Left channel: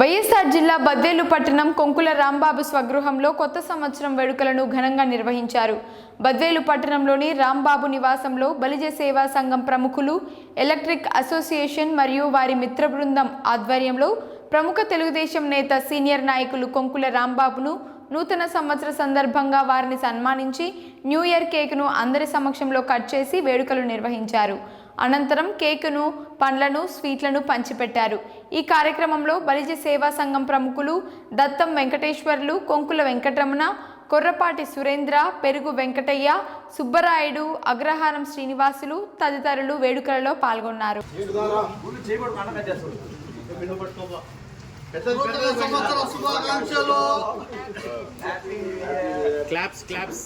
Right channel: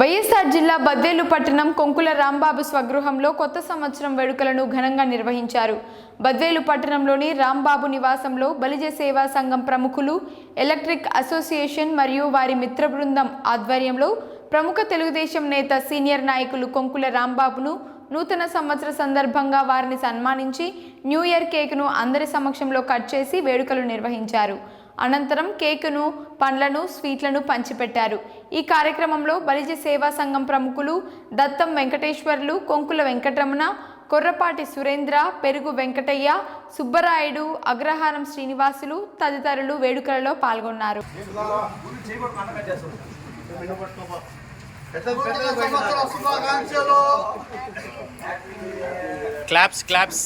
వైఎస్ఆర్ జిల్లా బద్వేలు పట్టణం కొంకుల రాంబాబు స్వగృహంలో కొత్త సంవత్సరం వేడుకలను ఘనంగా నిర్వహించారు. బద్వేలు పట్టణంలోని రాంబాబు నివాసంలో బలిజ సేవా సంఘం ప్రముఖులు, ఎలక్ట్రిక్ అసోసియేషన్ మరియు వారి మిత్ర బృందం ఆధ్వర్యంలో ప్రముఖ తెలుగుదేశం నేత సీనియర్ నాయకులు కొంకుల రాంబాబును నూతన సంవత్సర సందర్భంగా వారిని సన్మానించి న్యూ ఇయర్ కేక్ను అందరి సమక్షంలో కట్ చేసి వేడుకలు నిర్వహించారు. అనంతరం కేకును, పండ్లను, స్వీట్లను పంచిపెట్టారు. ఈ కార్యక్రమంలో బలిజ సేవా సంఘం ప్రముఖులు దత్తం వెంకటేశ్వర్లు, కొంకుల వెంకటరమణ, కొర్రపాటి సురేంద్ర, పెరుగు వెంకటయ్య, సుబ్బరాయుడు, అగ్రహారం శ్రీనివాసులు తదితరులు వేడుకలలో పాల్గొన్నారు. Claps claps.